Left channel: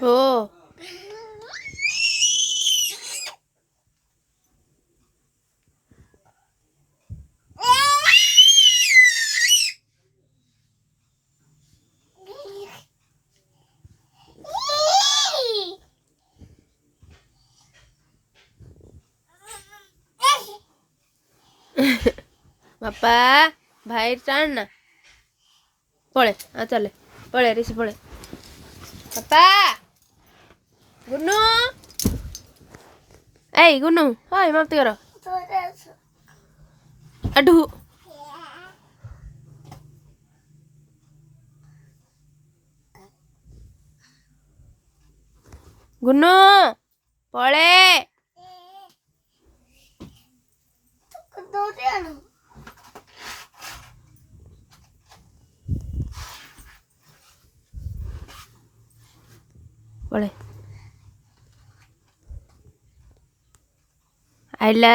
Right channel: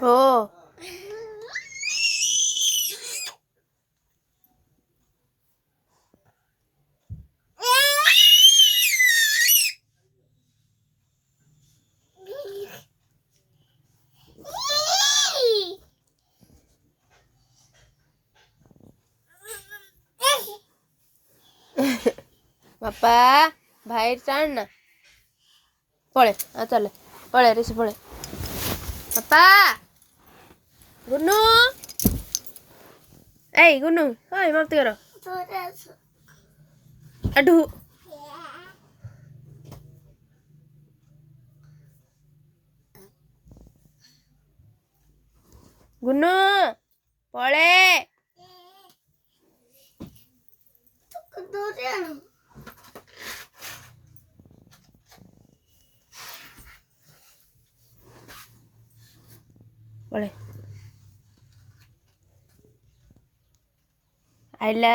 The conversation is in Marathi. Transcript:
हो. बाप्पा बाहेर चाल ना. पळे चाले पळे ऋषी पळे. बाप्पा गुन्नू ऐ गुन्नू हाय मागते करा अडू. गुन्नू पळे. पळे आयला